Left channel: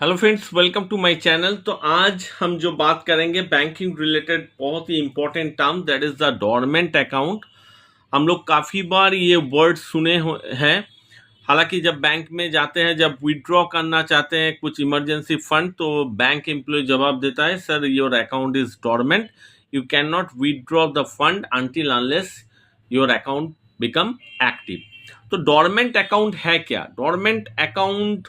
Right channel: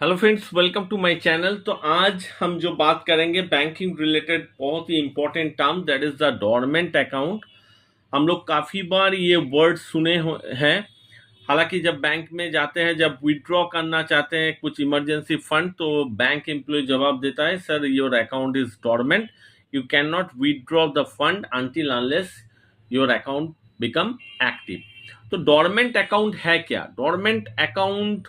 Hello friends, welcome to my channel. तो आज हम जो बात करेंगे बैंकिंग रिलेटेड बहुत ही important term, that is the dormant account. हम लोग काफ़ी बार ये वर्ड सुने हैं। हालांकि जब बैंक में जाते हैं, जब विड्रॉ करना चाहते हैं कुछ इमरजेंसी फंड, तो बैंक एम्प्लॉय जवाब देता है, sir your account is dormant, you can not withdraw the fund until unless your account become active. तो डोरमेंट अकाउंट है क्या? डोरमेंट अकाउंट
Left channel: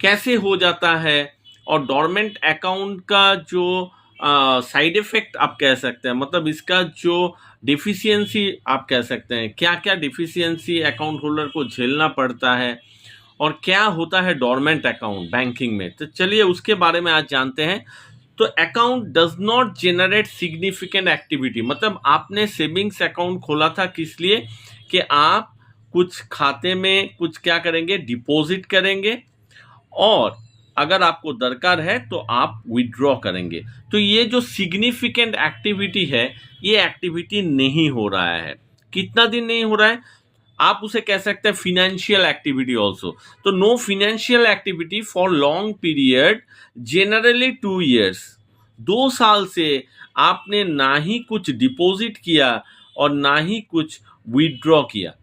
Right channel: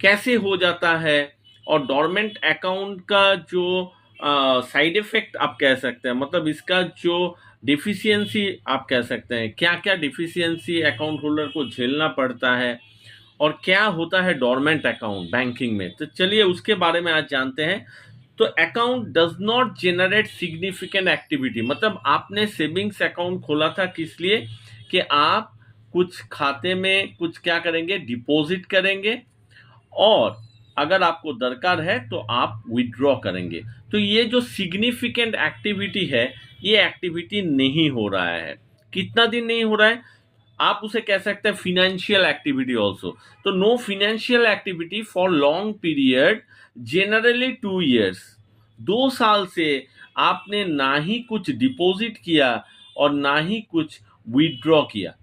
कैसे हो जाता है? और डोरमेंट अकाउंट का जो साइड इफेक्ट आप कह सकते हैं, मतलब इसका जो डिफिशियंसी आप कह सकते हैं, क्या क्या डिफिशियंसी अकाउंट होल्डर को झेलना पड़ता है और क्या होता है डोरमेंट अकाउंट बैंकिंग में। तो चलिए उसके बारे में आज जानते हैं। तो account does not generate significant activity, मतलब आपने सेविंग्स अकाउंट खोला था किस लिए? कि आप कुछ खाते में कुछ क्या करेंगे, डिपॉजिट करेंगे, और अगर आपको दरकार है तो आप विड्रॉ करेंगे। तो ये जो सिग्निफिकेंट एक्टिविटी है, ये एक्टिविटी नहीं हो रहा है। कितना दिन नहीं हो रहा है? आप उसे कह सकते हैं फिनेंशियल एक्टिविटी ऑल्सो। तो no financial activity for long period, generally 2 years। 2 साल से आपने ना ही कुछ डिपॉजिट किया और ना ही कुछ विड्रॉ किया।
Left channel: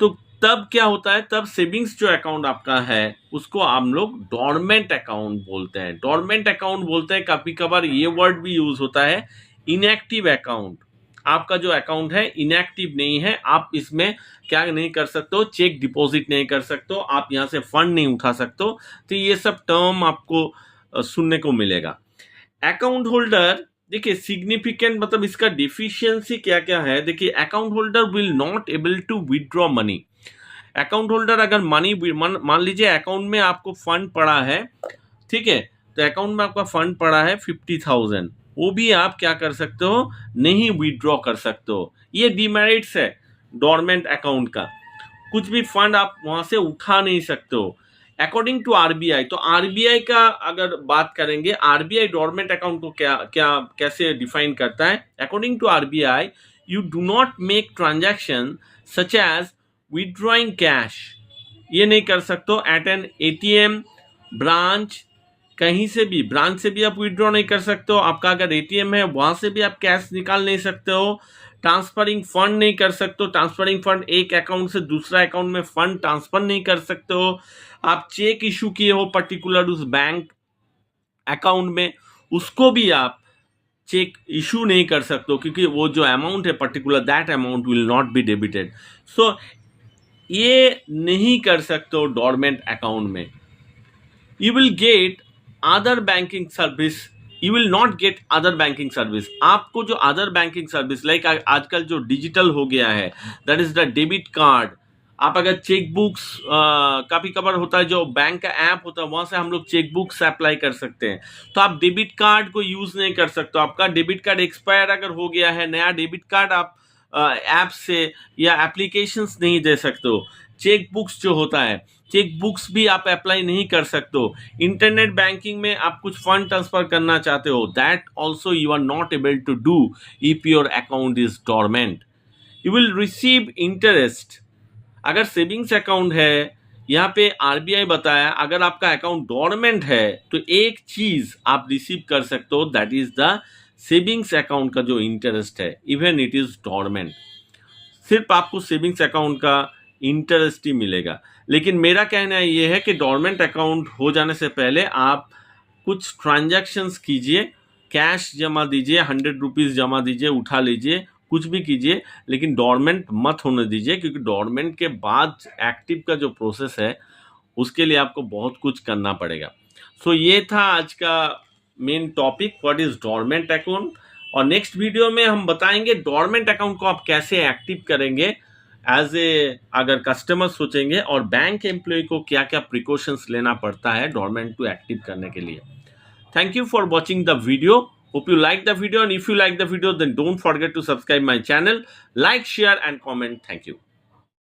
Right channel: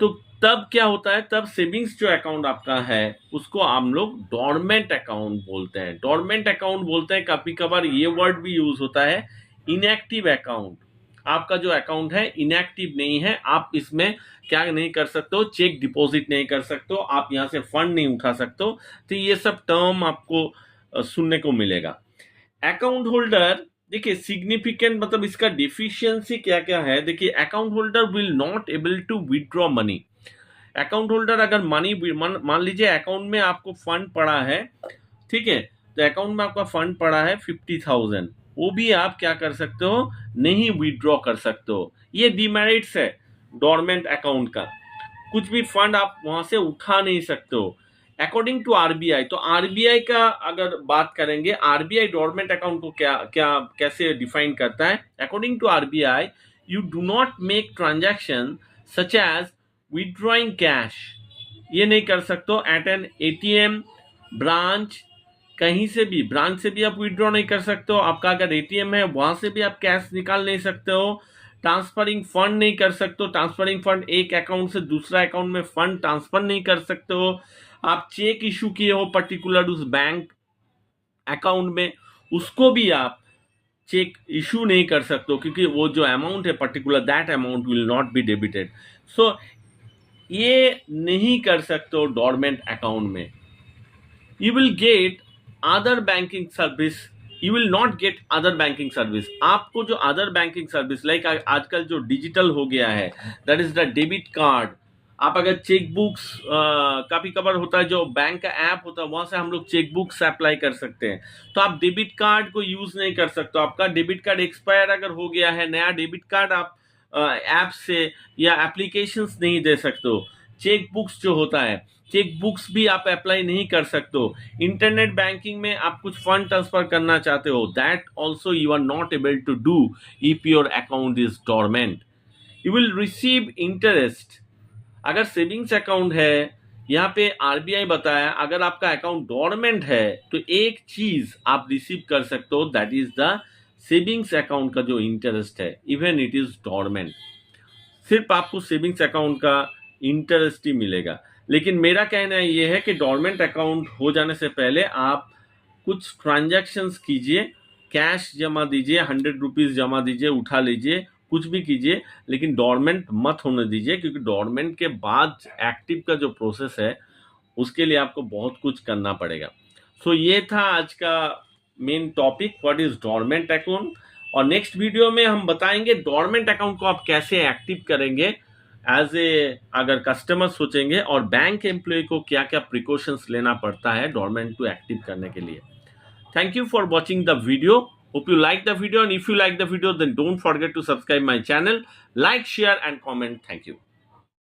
तो तब क्या होता है, तब सेविंग्स जो अकाउंट आपका है उसको हम लोग डोरमेंट अकाउंट बोलते हैं। डोरमेंट अकाउंट बोलते हैं, कभी कभार ये वर्ड भी यूज होता है इनएक्टिव अकाउंट। आपका जो अकाउंट है इनएक्टिव नहीं है, आप इसमें क्या नहीं कर सकते हो, चेक डिपॉजिट नहीं कर सकते हो, आप यहाँ से फंड नहीं उठा सकते हो। तो ये सब टर्म आपको सुनने को मिलेगा। अकाउंट होल्डर, देखिए सिग्निफिकेंट मतलब इसका डिफिशियंसी क्या क्या है। देखिए account holder will not able to withdraw money. Account holder अगर मनी मान लीजिए अकाउंट में आपको फंड पड़ा है, ठीक है, तो अकाउंट में आपका फंड पड़ा है 50,000, वो भी आप क्या कर सकते हो, नहीं विड्रॉ कर सकते हो। ये डिमेरिट्स है डोरमेंट अकाउंट का। कुछ भी फंड आप वहां से उठा नहीं सकते हो अकॉर्डिंग टू आरबीआई। तो आरबीआई का अगर बात करेंगे, आरबीआई डोरमेंट अकाउंट को क्या क्या कैसे डिफाइन करता है। According to RBI, you do not make transaction such as withdrawing cash. ये नहीं कर सकते हो एट एन एटीएम, ब्रांच, कहीं से भी, ब्रांच से भी आप विड्रॉ नहीं कर सकते हो। आपका अगर एटीएम है वहां से भी आप कैश निकाल नहीं सकते हो। ट्रांसफरिंग फंड नहीं कर सकते हो, ट्रांसफरिंग फंड एक अकाउंट से दूसरा अकाउंट में फंड ट्रांसफर नहीं कर सकते हो। आप चेक इशू किए हो पर्टिकुलर उस बैंक अकाउंट में, उसको भी आप चेक इशू नहीं कर सकते हो, क्योंकि वो जो अमाउंट है particular, that amount will not be debited. So ये नहीं कर सकते हो डोरमेंट अकाउंट में। You will get other banking service, you will not get other banking service. आपको जो अदर बैंकिंग सर्विस लाइक आजकल जो डिजिटल हो गया है, that is the debit card. आप अगर चेक बुक्स, कभी कभार होता है जो बैंक का ऐप होता है वहां से हम लोग चेक बुक्स अप्लाई कर सकते हैं, तो आप डेबिट कार्ड को यूज नहीं कर सकते। आपका डेबिट कार्ड एक्सपायर अगर हो गया है, नया डेबिट कार्ड आप ऐप से या एप्लीकेशंस नहीं दे सकते हो। चेक बुक्स जो होता है, चेक बुक्स भी आप अप्लाई नहीं कर सकते हो। इंटरनेट बैंकिंग में आप कुछ फंड ट्रांसफर करना चाहते हो, that also you are not able to do if your account is dormant. You will receive interest. अगर सेविंग्स अकाउंट है, यहाँ पे आरबीआई बताया अगर आपका अकाउंट डोरमेंट है तो एक चीज आप रिसीव कर सकते हो, that is the savings account का जो इंटरेस्ट है, इवन इट इज डोरमेंट। सिर्फ आपको सेविंग्स अकाउंट का इंटरेस्ट ही मिलेगा। लेकिन मेरा कहना ये है कि डोरमेंट अकाउंट हो जाने से पहले आप कुछ ट्रांजैक्शंस कीजिए, कैश जमा दीजिए, 100 रुपीज जमा दीजिए, उठा लीजिए, कुछ भी कीजिए, लेकिन डोरमेंट मत होने दीजिए, क्योंकि डोरमेंट के बाद एक्टिव का जो प्रोसेस है उसके लिए आपको बहुत कुछ करना पड़ेगा। सो ये था आज का main topic, what is dormant account. और नेक्स्ट वीडियो में हम बताएंगे डोरमेंट अकाउंट को आप कैसे एक्टिव करेंगे एज ए अगर कस्टमर सोचेंगे, और बैंक एम्प्लॉय को क्या क्या प्रिकॉशंस लेना पड़ता है डोरमेंट को एक्टिव करने के लिए। Thank you for watching the video. Hope you like the video, and if you like the video then don't forget to subscribe my channel, like, share and comment. Thank you.